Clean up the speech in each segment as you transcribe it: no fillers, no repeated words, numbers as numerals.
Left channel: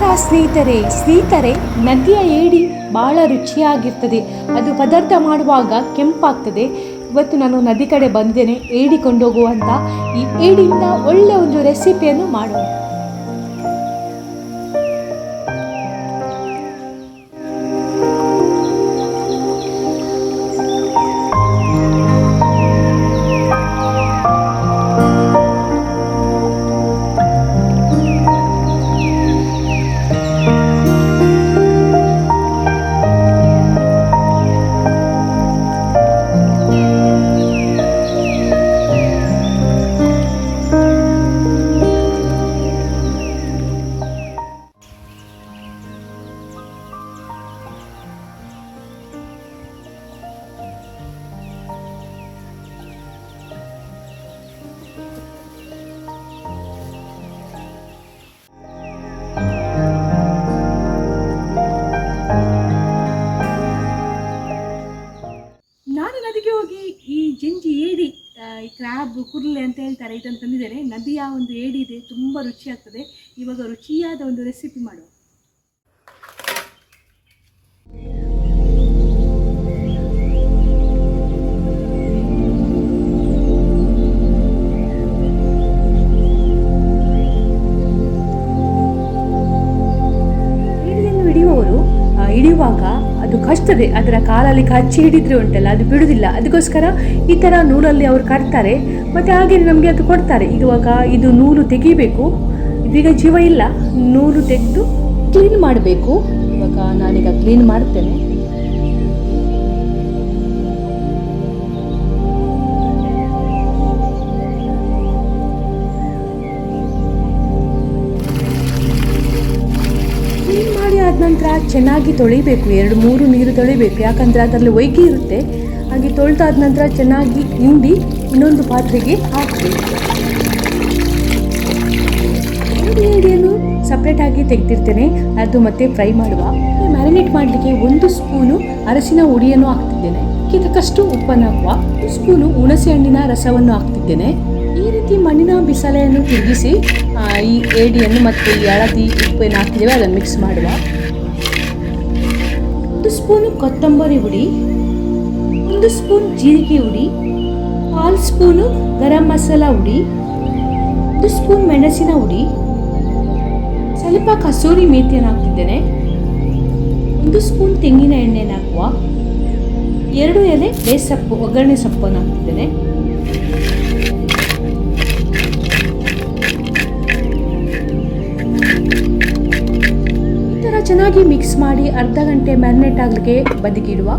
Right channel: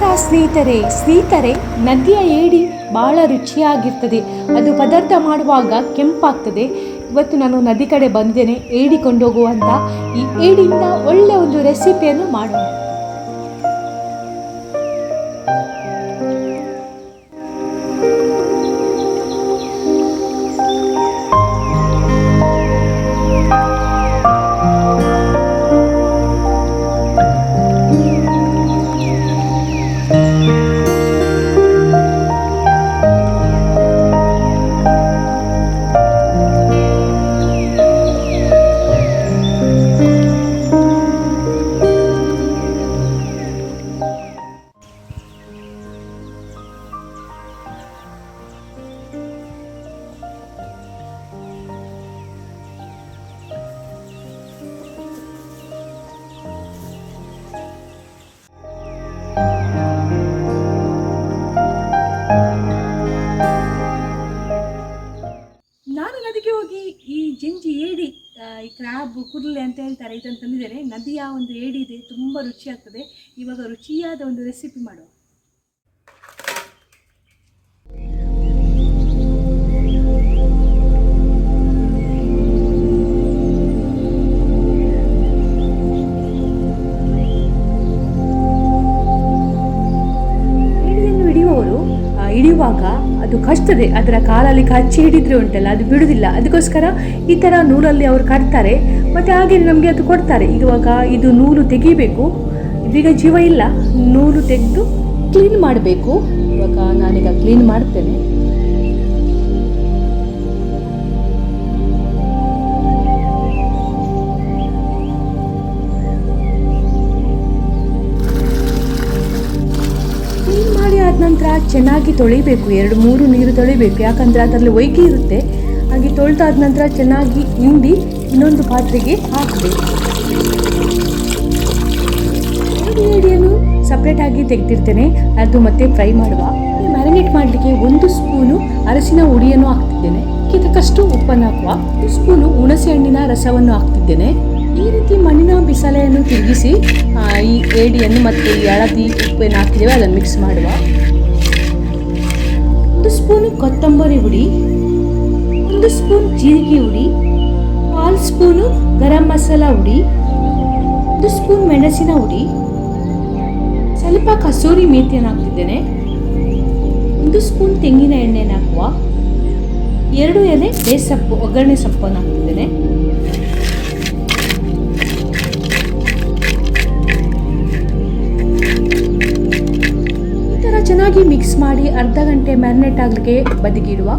ನಮಸ್ಕಾರ ಸ್ನೇಹಿತರೆ, ನದಿಯ ಏಡಿ ಭಾಳ ರುಚಿಯಾಗಿರ್ತದೆ. ಅದು ಪದಾರ್ಥ ಮಾಡುವಾಗ ಕೆಂಪಾಗ್ತದೆ. ಇವತ್ತು ನಾನು ನದಿ ಕಡೆ ಬಂದಿದ್ದೇನೆ ಏಡಿ ಕೊಂಡೋಗುವಂಥ. ಈ ಏಡಿಯಿಂದ ಒಳ್ಳೆ ಒಂದು ರೆಸಿಪಿಯನ್ನು ಮಾಡೋಣ. ನಾನು ನದಿಗೆ ಹೋಗಿ ಈ ಜಂಜಿ ಏಡಿ, ಈ ಕ್ರ್ಯಾಬ್ ಕುರ್ಲೆ ಅಂತ ಹೇಳ್ತಾರೆ, ಇದನ್ನು ತಂದಿದ್ದೇನೆ. ನದಿಯ ಒಂದು ಏಡಿ ಇದೆ, ತುಂಬ ರುಚಿಯಾಗ್ತದೆ. ಇವಾಗ ರುಚಿಯಾದ ಒಂದು ರೆಸಿಪಿ ಮಾಡುವ. ಏಡಿಯನ್ನು ಹಿಡಿಯುವಾಗ ಅದು ಕಚ್ತದೆ. ಅದರ ಕಾಲಲ್ಲಿ ಕಚ್ಚಿ ಹಿಡಿದ್ರೆ ಉಂಟಲ್ಲ, ಅದು ಬಿಡುವುದಿಲ್ಲ. ಅದಕ್ಕೋಸ್ಕರ ಈ ಥರ ನೂಲಲ್ಲಿ ಅವರು ಕಟ್ತಾರೆ, ಮತ್ತು ಹಾಗೆ ನಮಗೆ ಅದು ಕೊಡ್ತಾರೆ. ಇವಾಗ ಇದು ನೂಲು ತೆಗಿಬೇಕು. ಇದೀಗ ಜೀವ ಇಲ್ಲ, ನೂಲು ತೆಗೆದು ಕ್ಲೀನ್ ಮಾಡಬೇಕು. ಇವಾಗ ನಾನೀಗ ಕ್ಲೀನ್ ಮಾಡ್ತೇನೆ. ಕ್ಲೀನ್ ಮಾಡಿ ಆದ ನಂತರ ಚೆನ್ನಾಗಿ ತೊಳಿಬೇಕು. 2-3 ನೀರು ತೊಳಿಬೇಕು, ಯಾಕಂದರೆ ಅದರಲ್ಲಿ ಒಯ್ಗೆ ಇರುತ್ತೆ. ಹಾಗೆ ತೊಳೆದಾದ ನಂತರ ಚೆನ್ನಾಗಿ ಹಿಂಡಿ ಇನ್ನೊಂದು ಪಾತ್ರೆಗೆ ಹಾಕಬೇಕು. 2 ಏಡಿಯನ್ನು ಸಪ್ರೇಟಾಗಿ ತೆಗೆದಿರ್ತೇನೆ, ಅದು ಮತ್ತೆ ಫ್ರೈ ಮಾಡುವ. ಮ್ಯಾರಿನೇಟ್ ಮಾಡಲಿಕ್ಕೆ 1 ಸ್ಪೂನು ಅರಸಿನ ಹುಡಿಯನ್ನು ಹಾಕ್ತಿದ್ದೇನೆ. ತಕ್ಕಷ್ಟು ಉಪ್ಪನ್ನು ಹಾಕುವ. 1 ಸ್ಪೂನು ಹುಣಸೆ ಹಣ್ಣಿನ ರಸವನ್ನು ಹಾಕ್ತಿದ್ದೇನೆ. ಈ ರೀತಿ ಮಣ್ಣಿನ ಬಿಸಾಲೆಯನ್ನು ತಿರುಗಿಸಿ ಈ ಏಡಿಯನ್ನು ಮತ್ತು ಈ ಹಳದಿ ಉಪ್ಪನ್ನು ಹಾಕಿದ್ದೇವೆ, ಅದನ್ನು ಮಿಕ್ಸ್ ಮಾಡುವ. 1 ಸ್ಪೂನು ಕೊತ್ತಂಬರಿ ಹುಡಿ, 1 ಸ್ಪೂನ್ ಜೀರಿಗೆ ಹುಡಿ, 1/2 ಸ್ಪೂನು ಗರಂ ಮಸಾಲ ಹುಡಿ, 1 ಸ್ಪೂನ್ ಮೆಣಸಿನ ಹುಡಿ, ಸ್ವಲ್ಪ ಕಸೂರಿ ಮೇಥಿಯನ್ನು ಹಾಕ್ತಿದ್ದೇನೆ. 1 ಸ್ಪೂನ್ ತೆಂಗಿನ ಎಣ್ಣೆಯನ್ನು ಹಾಕುವ. 2 ಎಲೆ ಬೇಸಪ್ಪು, ಒಗ್ಗರಣೆ ಸೊಪ್ಪನ್ನು ಹಾಕ್ತಿದ್ದೇನೆ. ಈ ಥರ ಚೆನ್ನಾಗಿ ಮಿಕ್ಸ್ ಮಾಡಿ ಅರ್ಧ ಗಂಟೆ ಮ್ಯಾರಿನೇಟ್ ಆಗಲಿಕ್ಕೆ ಬದಿಗಿಡುವ.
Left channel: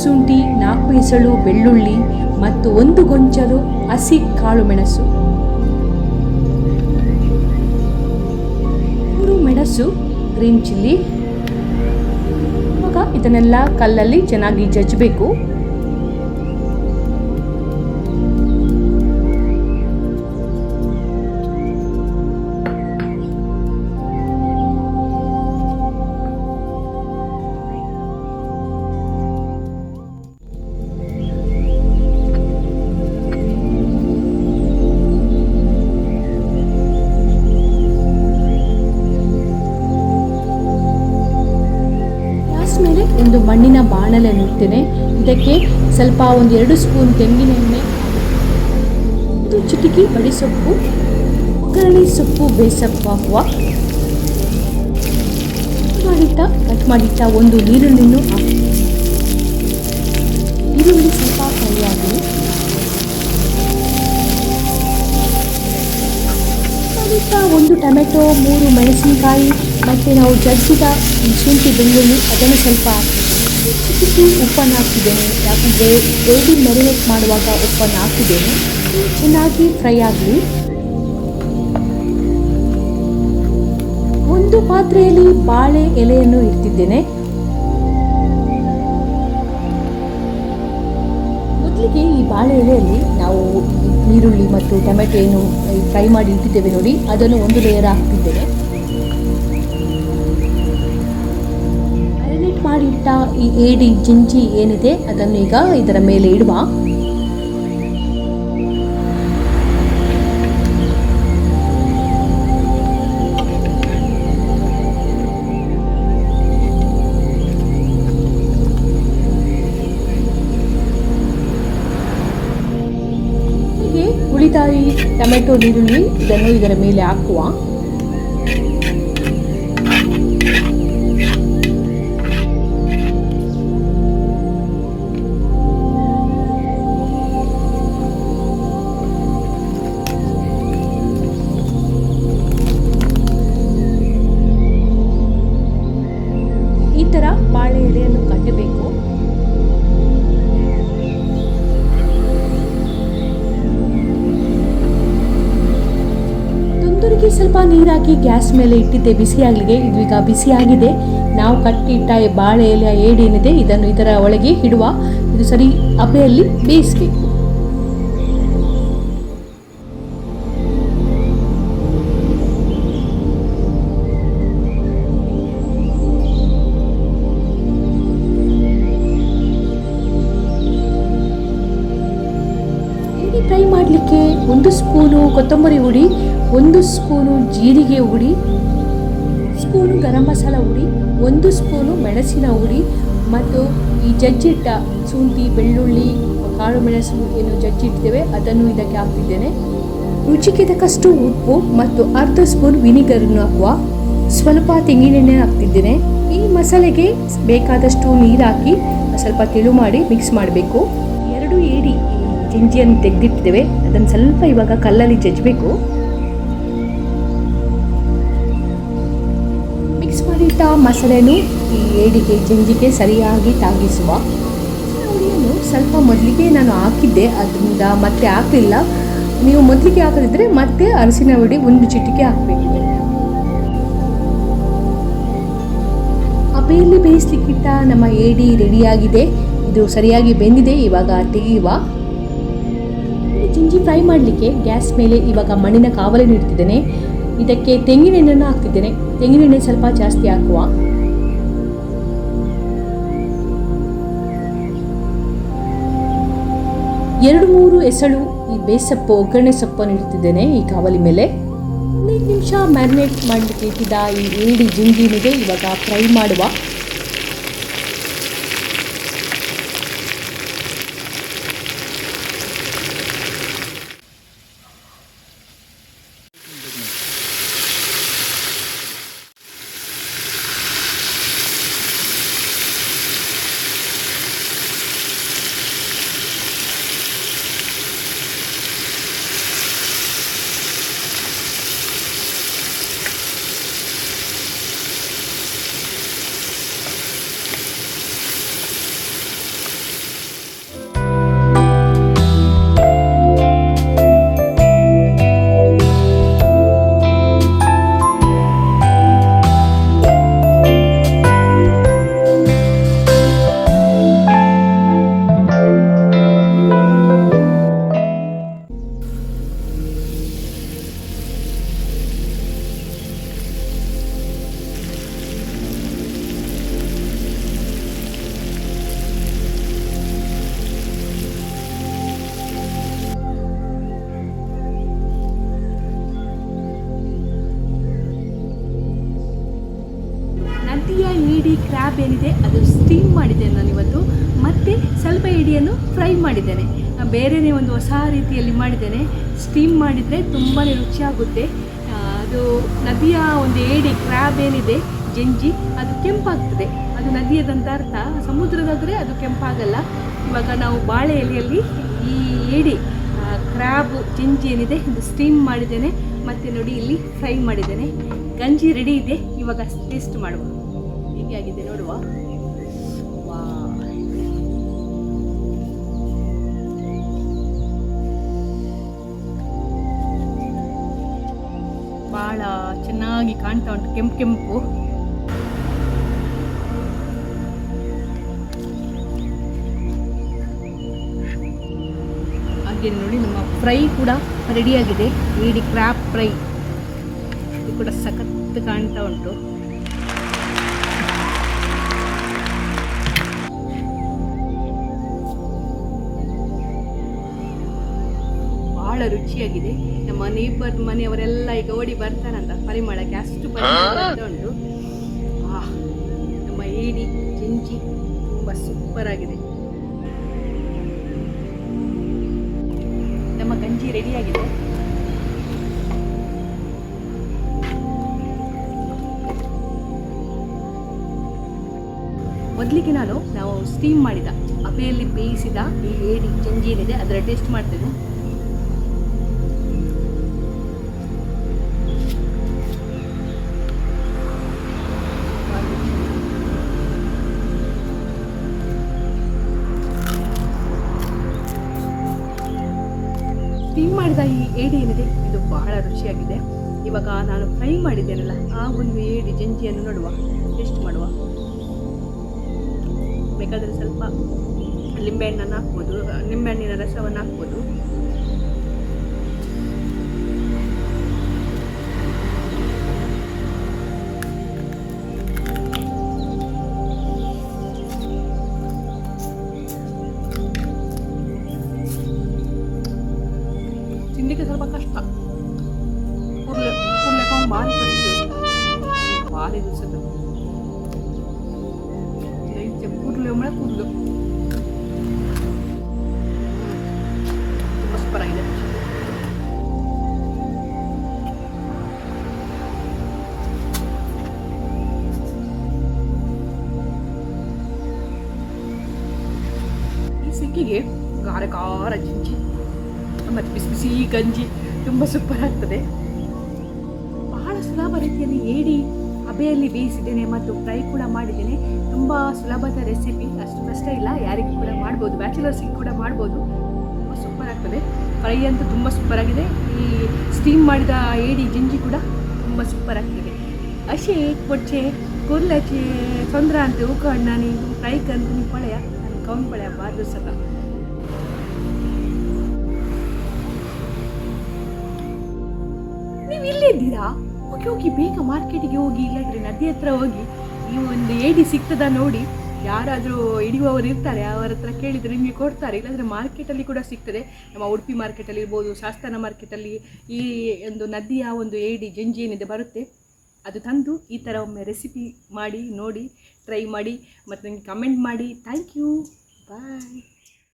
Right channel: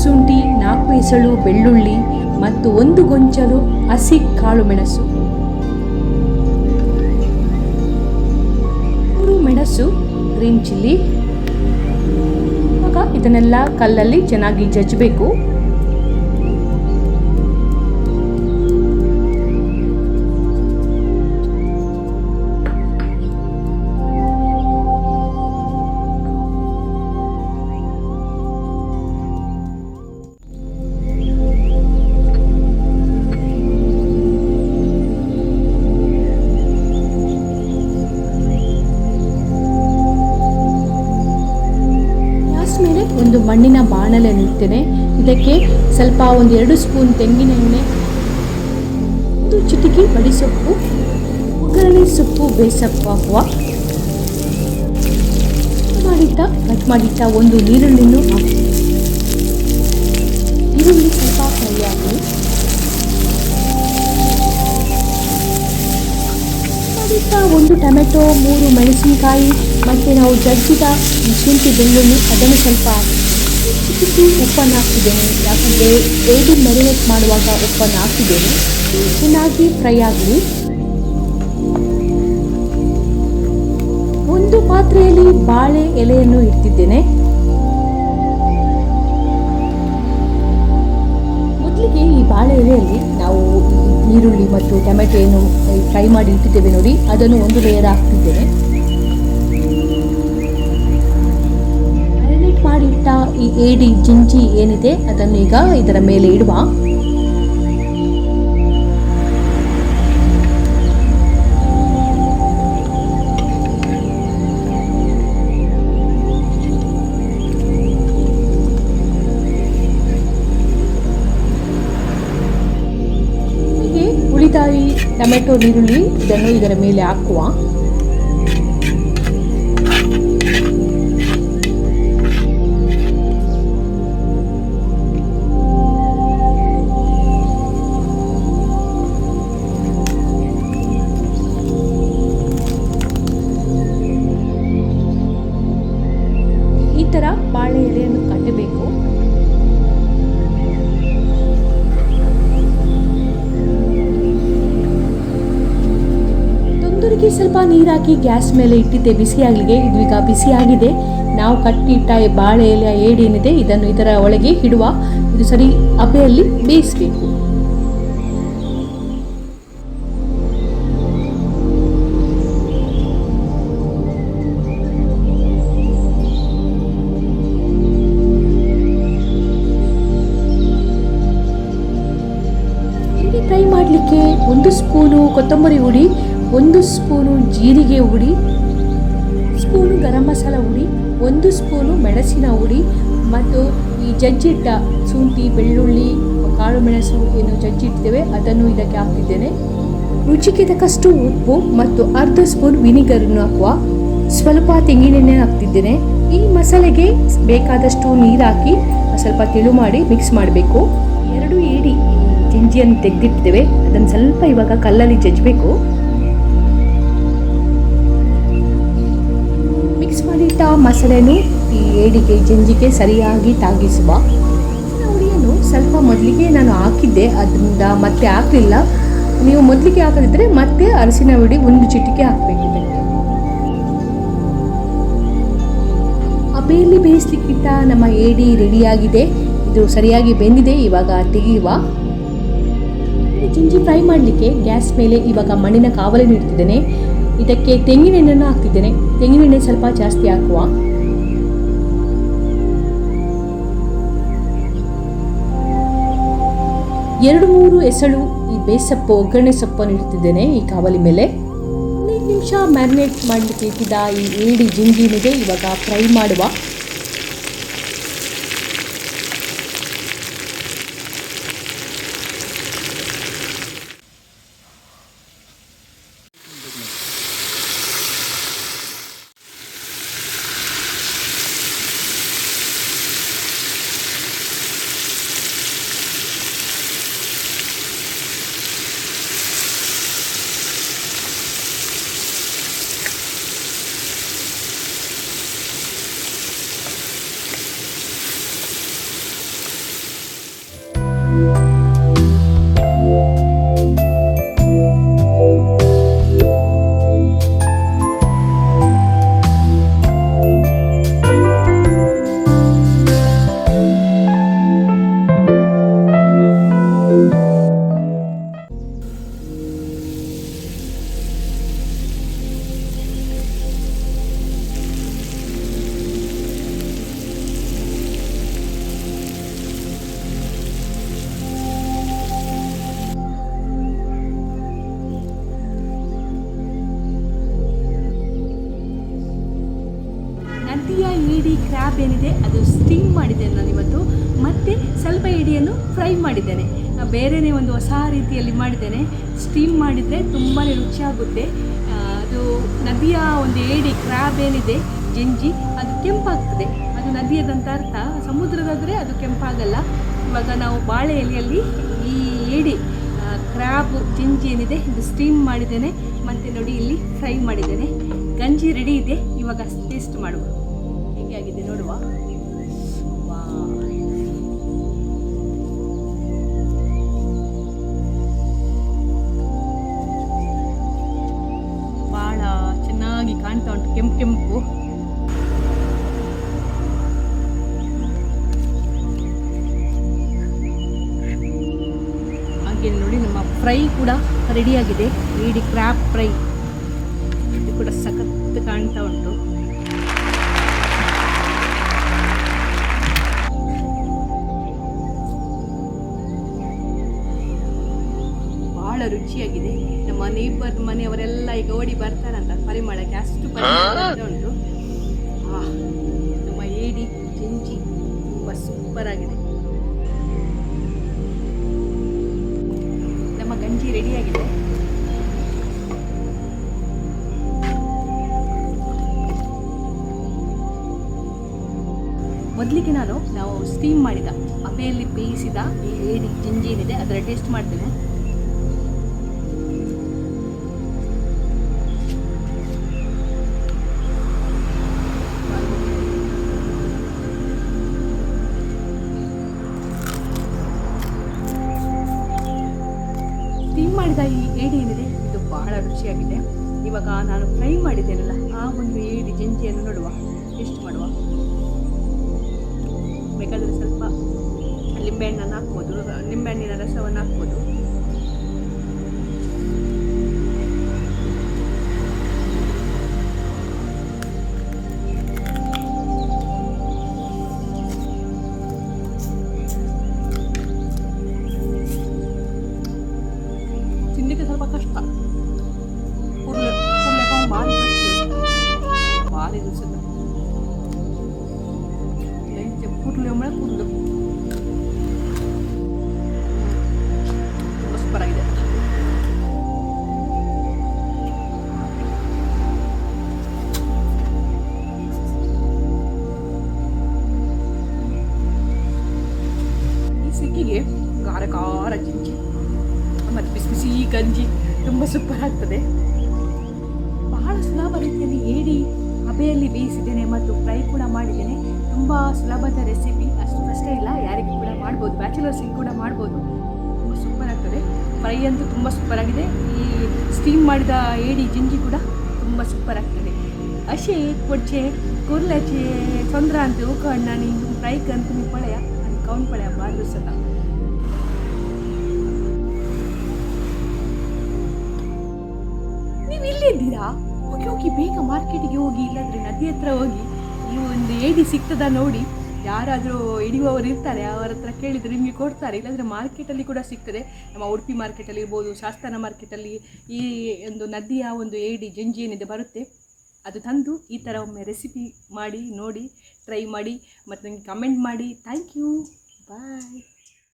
ಶುಂಠಿ, 4 ಎಸಳು ಬೆಳ್ಳುಳ್ಳಿ ಮತ್ತು 1 ಗೊಂಚಲು ಹಸಿ ಕಾಳು ಮೆಣಸು, 3 ಮೆಣಸು, ಗ್ರೀನ್ ಚಿಲ್ಲಿ. ಇವಾಗ ಇದನ್ನೆಲ್ಲ ಕಲ್ಲಲ್ಲಿ ಚೆನ್ನಾಗಿ ಜಜ್ಜಬೇಕು. ಒಂದು ಮಣ್ಣಿನ ಬಾಣಲೆಯನ್ನು ಇಡ್ತೇನೆ. ಇದಕ್ಕೆ ಸ್ವಲ್ಪ 2 ಸ್ಪೂನ್ ತೆಂಗಿನ ಎಣ್ಣೆ, 1 ಚಿಟಿಕೆ ಬಡಿಸೊಪ್ಪು, ಒಗ್ಗರಣೆ ಸೊಪ್ಪು, ಬೇಸೊಪ್ಪು ಹಾಕುವ. ಕಟ್ ಮಾಡಿಟ್ಟ ಒಂದು ಈರುಳ್ಳಿಯನ್ನು ಹಾಕಿ. ಈರುಳ್ಳಿ ಸ್ವಲ್ಪ ಫ್ರೈ ಆಗಲಿ. ಒಂದು ಟೊಮೆಟೊ, 3 ಮೆಣಸಿನಕಾಯಿ ಮತ್ತು ನಾವು ಜಜ್ಜಿದ ಶುಂಠಿ ಬೆಳ್ಳುಳ್ಳಿ ಅದನ್ನು ಸ್ವಲ್ಪ ಹಾಕಿದ್ದೇನೆ. ಚಿಟಿಕೆ ಉಪ್ಪನ್ನು ಹಾಕ್ತಿದ್ದೇನೆ, ಯಾಕಂದರೆ ಏಡಿ ಮ್ಯಾರಿನೇಟ್ ಮಾಡುವಾಗ ಉಪ್ಪನ್ನು ಹಾಕಿದ್ದೇನೆ. ಚೆನ್ನಾಗಿ ಫ್ರೈ ಆಗಲಿ. ಒಂದು ಪಾತ್ರೆಯಲ್ಲಿ ಬಾಳೆ ಎಲೆಯನ್ನು ಇಡ್ತಿದ್ದೇನೆ. ಮೊದಲಿಗೆ ಈ ಬಾಳೆ ಎಲೆಯಲ್ಲಿ ನಾವು ಈರುಳ್ಳಿ ಮತ್ತು ಟೊಮೆಟೊ ಏನು ಫ್ರೈ ಮಾಡಿ ಇಟ್ಟಿದ್ದೇವೆ ನೋಡಿ, ಅದನ್ನು ಒಂದು ಲೇಯರ್ ಹಾಕ್ತಿದ್ದೇನೆ. ಮ್ಯಾರಿನೇಟ್ ಮಾಡಿಟ್ಟ ಈ ಏಡಿ ಜಿಂಜಿ ಏನಿದೆ ಅದನ್ನು ಈಗ ಇದರ ಮೇಲೆ ಇಡುವ. ಉಳಿದ ಈ ಟೊಮೆಟೊ, ಈರುಳ್ಳಿ ಇದನ್ನು ಇದರ ಮೇಲೆ ಹಾಕುವ. ಈ ತರ ಬಾಳೆ ಎಲೆಯನ್ನು ಕಟ್ಟಬೇಕು. ತಂದೂರಿಗೆ ಸ್ವಲ್ಪ ನೀರು ಹಾಕಿ ಗ್ಯಾಸ್ ಮೇಲೆ ಇಟ್ಟಿದ್ದೆ ಬಿಸಿಯಾಗಲಿಗೆ. ಇದು ಈಗ ಬಿಸಿಯಾಗಿದೆ. ನಾವು ಕಟ್ಟಿಟ್ಟ ಬಾಳೆ ಎಲೆಯ ಏಡಿ ಏನಿದೆ ಇದನ್ನು ಇದರ ಒಳಗೆ ಇಡುವ. ಇದು ಸರಿ ಹಬೆಯಲ್ಲಿ ಬೇಯಿಸಬೇಕು. ಏಡಿ ಫ್ರೈ ಮಾಡಲಿಕ್ಕೆ 1 ಸ್ಪೂನು ಕೊತ್ತಂಬರಿ ಹುಡಿ, 1 ಸ್ಪೂನು ಜೀರಿಗೆ ಹುಡಿ, ಸ್ಪೂನು ಗರಂ ಮಸಾಲ ಹುಡಿ, 1 ಸ್ಪೂನು ಮೆಣಸಿನ ಹುಡಿ ಮತ್ತು ಈ ಜಜ್ಜಿಟ್ಟ ಶುಂಠಿ, ಬೆಳ್ಳುಳ್ಳಿ, ಕಾಳು ಮೆಣಸು ಏನು ಜಜ್ಜಿಡ್ತೇವೆ ಅದನ್ನು ಇದಕ್ಕೆ ಹಾಕ್ತಿದ್ದೇನೆ. ರುಚಿಗೆ ತಕ್ಕಷ್ಟು ಉಪ್ಪು ಮತ್ತು ಅರ್ಧ ಸ್ಪೂನ್ ವಿನಿಗರನ್ನು ಹಾಕುವ. ಸ್ವಲ್ಪ ತೆಂಗಿನೆಣ್ಣೆ ಹಾಕ್ತಿದ್ದೇನೆ. ಈ ಮಸಾಲೆಗೆ ಬೇಕಾದಷ್ಟು ನೀರು ಹಾಕಿ ಸ್ವಲ್ಪ ತೆಳು ಮಾಡಿ ಮಿಕ್ಸ್ ಮಾಡಬೇಕು. 2 ಏಡಿ ಈ ಜಿಂಜಿಯನ್ನು ತೆಗೆದಿಟ್ಟಿದ್ದೇವೆ, ಅದನ್ನು ಸ್ವಲ್ಪ ಇವಾಗ ಕಲ್ಲಲ್ಲಿ ಜಜ್ಜಬೇಕು. ಮಿಕ್ಸ್ ಮಾಡಿಟ್ಟ ಮಸಾಲೆಯನ್ನು ಈ ಏಡಿಗೆ ಜಿಂಜಿಗೆ ಸರಿಯಾಗಿ ತಾಗಿಸುವ. ಹುಡಿಯನ್ನು ಸ್ವಲ್ಪ ಮೊದಲಿಗೆ ನಾನು ಹಾಕಿದ್ದೆ, ಅದರಿಂದ ಮತ್ತೆ ಹಾಕಲಿಲ್ಲ. ನೀವು ಮೊದಲಿಗೆ ಹಾಕದಿದ್ದರೆ ಮತ್ತೆ ಅರಸಿನ ಹುಡಿ 1 ಚಿಟಿಕೆ ಹಾಕಬೇಕಿದೆ. ಹಬೆಯಲ್ಲಿ ಬೇಯಿಸ್ಲಿಕ್ಕಿಟ್ಟ ನಮ್ಮ ಏಡಿ ರೆಡಿಯಾಗಿದೆ. ಇದು ಸರಿಯಾಗಿ ಬೆಂದಿದೆ. ಇವಾಗ ತೆಗೆಯುವ. ಜಿಂಜಿ ಫ್ರೈ ಮಾಡಲಿಕ್ಕೆ ಗ್ಯಾಸ್ ಮೇಲೆ ಇವಾಗ ಮಣ್ಣಿನ ಕಾವಲಿನ ಇಡ್ತಿದ್ದೇನೆ. ಇದಕ್ಕೆ ತೆಂಗಿನೆಣ್ಣೆಯನ್ನು ಹಾಕ್ತಿದ್ದೇನೆ. ತೆಂಗಿನೆಣ್ಣೆ ಸ್ವಲ್ಪ ಜಾಸ್ತಿ ಹಾಕುವ. ಎರಡು ಮೂರು ಎಸಳು ಈ ಬೇಸೊಪ್ಪು, ಒಗ್ಗರಣೆ ಸೊಪ್ಪನ್ನು ಇಡ್ತಿದ್ದೇನೆ ಈ ಕಾವಲಿ ಮೇಲೆ. 15 ನಿಮಿಷ ಮ್ಯಾರಿನೇಟ್ ಮಾಡಲಿಕ್ಕೆ ಇಟ್ಟಿದ್ದ ಈ ಏಡಿ ಜಿಂಜಿನಿದೆ ಇವಾಗ ಫ್ರೈ ಮಾಡುವ. ಏಡಿ ಕ್ರ್ಯಾಬ್ ಏನಿದೆ ಅದು ಸ್ಟೀಮ್ ಮಾಡಿದ್ದೇನೆ ನಾನಿವತ್ತು, ಮತ್ತು ಸ್ವಲ್ಪ ಏಡಿಯನ್ನು ಫ್ರೈ ಮಾಡಿದ್ದೇನೆ. ಬೇರೆಯೇ ಒಂದು ಹೊಸ ರೀತಿಯಲ್ಲಿ ಮಾಡಿದ್ದೇನೆ. ಸ್ಟೀಮ್ ಮಾಡಿದರೆ ತುಂಬಾ ರುಚಿಯಾಗುತ್ತೆ. ಅದು ನದಿಯ ಒಂದು ಏಡಿ ಕ್ರ್ಯಾಬ್ ಏನಿದೆ ಜಂಜಿ, ಅದು ಕೆಂಪಾಗ್ತದೆ. ಅದು ನದಿಯದಂತ ಅರ್ಥ. ಸಮುದ್ರದಾದರೆ ಅದು ಕೆಂಪಾಗಲ್ಲ. ಇವಾಗ ನಾವು ಬಾಳೆ ಎಲೆಯಲ್ಲಿ ಈ ಏಡಿ ಕ್ರ್ಯಾಬು ಜಂಜಿ ಏನಿದೆ ಇದು ಸ್ಟೀಮ್ ಮಾಡಿದ್ದೇನೆ, ಮತ್ತು ನೋಡಿ ಇಲ್ಲಿ ಫ್ರೈ ಮಾಡಿದ್ದೇನೆ. ಗಂಜಿ ರೆಡಿ ಇದೆ. ಇವಾಗ ಟೇಸ್ಟ್ ಮಾಡುವ, ಹೇಗೆ ಆಗಿದೆ ನೋಡುವ. ವಾ, ಭಾಳ ಚೆನ್ನಾಗಿ ಕಾಣ್ತಾ ಉಂಟು, ಕೆಂಪು ಕೆಂಪು. ಹಾಗೆ ನೋಡಿ ನಮ್ಮ ಫ್ರೈ ಕೂಡ ರೆಡಿಯಾಗಿದೆ. ಏಡಿ ಕ್ರ್ಯಾಬ್ ಫ್ರೈ ಇದು ಕೂಡ ಸಖತ್ ಕಾಣ್ತಾ ಉಂಟು. ಭಾಳ ರುಚಿಯಾಗಿದೆ. ನಮ್ಮ ನೇಬರ್ ಮನೆಯವರೆಲ್ಲ ಈಗ ಓಡಿ ಬರ್ತಾರಂತ ಪರಿಮಳಕ್ಕೆ, ಅಷ್ಟು ಪರಿಮಳ ಉಂಟು. ನಮ್ಮ ಏಡಿ ಜಂಜಿ ತುಂಬ ಸೂಪರ್ ಆಗಿದೆ. ನಮ್ಮ ಗಂಜಿ ರೆಡಿಯಾಗಿದೆ. ಮೊದಲಿಗೆ ನಾವು ಸ್ಟೀಮ್ ಮಾಡಿದ ಅಬೆಯಲ್ಲಿ ಬೇಯಿಸಿದ ಈ ಏಡಿ ಗಂಜಿ ಏನಿದೆ ಅದರ ಟೇಸ್ಟ್ ಮಾಡ್ತೇನೆ. ಸ್ಟೀಮ್ ಮಾಡಿದ ಈ ಏಡಿ ಏನಿದೆ ಇದು ಬಹಳ ರುಚಿಯಾಗಿದೆ. ಇವಾಗ ನಾನು ಫ್ರೈ ಮಾಡಿದ್ದೇನಲ್ಲ ಆ ಒಂದು ಏಡಿ ಜಂಜಿಯನ್ನು ನೋಡುವ, ಟೇಸ್ಟ್ ಮಾಡುವ. ಬೇಕಾದರೆ ಸ್ವಲ್ಪ ಲಿಂಬೆಹಣ್ಣನ್ನು ಹಾಕ್ಬೋದು, ನಿಂಬೆಹಣ್ಣಿನ ರಸವನ್ನು ಹಾಕ್ಬೋದು. ತಿನ್ನಲಿಕ್ಕೆ ಸ್ವಲ್ಪ ಕಷ್ಟ, ಕುರ್ಲೆಕ ಭಾರಿ ಕಷ್ಟ, ಭಾರಿ ರುಚಿದ ಕೂದಲು ಒಮ್ಮೆ ಕೂದಲು ತುಂಬ ಸೂಪರ್ ಆಗಿದೆ. ಈ ಸಿಕ್ಕಿಗೆ ಖಾರ ಖಾರ ಜಿಂಜಿ ಮತ್ತು ಬಿಸಿ ಬಿಸಿ ಗಂಜಿ ತುಂಬ ಸೂಪರ್ ಆಗ್ತದೆ. ಬಹಳ ಸುಲಭ ರೀತಿಯಲ್ಲಿ ಏಡಿ ಹಬೆಯಲ್ಲಿ ಬೇಯಿಸಿದ್ದೇನೆ ಮತ್ತು ಫ್ರೈ ಕೂಡ ಮಾಡಿದ್ದೇನೆ. ತುಂಬ ಸುಲಭದ ರೆಸಿಪಿ, ಅಷ್ಟು ಕಷ್ಟ ಇಲ್ಲ, ಯಾರಿಗೂ ಕೂಡ ಮಾಡ್ಬೋದು, ಬ್ಯಾಚುಲರ್ಸಿಗೆ ಕೂಡ ಮಾಡ್ಬೋದು. ತುಂಬ ಸೂಪರ್ ಆಗ್ತದೆ. ಫ್ರೈ ಅಂತೂ ತುಂಬ ಸೂಪರ್ ಆಗಿದೆ. ಈ ಸ್ಟೀಮ್ ಮಾಡಿದ ಏಡಿ ಜಿಂಜಿ ಕೂಡ ತುಂಬ ಸೂಪರ್ ಆಗ್ತದೆ. ಅಶೆ ಕೊಚ್ಚೆ ಕುರ್ಲಚೆ ತೊಂದ್ರ ಅಂತ ಉಕ್ಕಣ್ಣ ನೀನು ಫ್ರೈ ಕಂತು ನೀವು ಪಳೆಯ ನಾನು ಕೌನ್ ಪಳೆಯ ಬಾದು ಸಲ. ನೀವು ಇಲ್ಲಿದ್ದೀರಾ? ಹೋಗಿ ಬೇಗ ಮಾರ್ಕೆಟಿಗೆ ಹೋಗಿ, ಇಲ್ಲಾಂದರೆ ನದಿ ಹತ್ರ ಹೋಗಿ ನೀವು ಒಂದು ಏಡಿ ಸಿಗ್ತದ ನೋಡಿ. ಯಾರಾದರೂ ಹಿಡಿಯುವವರು ಇರ್ತಾರೆ, ಅವರ ಹತ್ರ ಕೇಳಿದರೆ ನಿಮಗೆ ಕೊಡ್ತಾರೆ. ಇಲ್ಲಾಂದರೆ ಮಾರ್ಕೆಟಲ್ಲಿ ಕೂಡ ಸಿಗ್ತದೆ. ನಮ್ಮ ಉಡುಪಿ ಮಾರ್ಕೆಟಲ್ಲಿ ಇರ್ಬೋದು, ಶಾಸ್ತಾನ ಮಾರ್ಕೆಟಲ್ಲಿ ಈ ಒಂದು ನದಿಯ ಒಂದು ಏಡಿ ಜಂಜಿ ಏನಿದೆ ಬರುತ್ತೆ. ಅದು ತಂದು ಈ ಥರ ಒಮ್ಮೆ ರೆಸಿಪಿ ಮಾಡಿ ನೋಡಿ, ಟ್ರೈ ಮಾಡಿ ಮತ್ತು ನನಗೆ ಕಮೆಂಟ್ ಮಾಡಿ. Thank you, bye.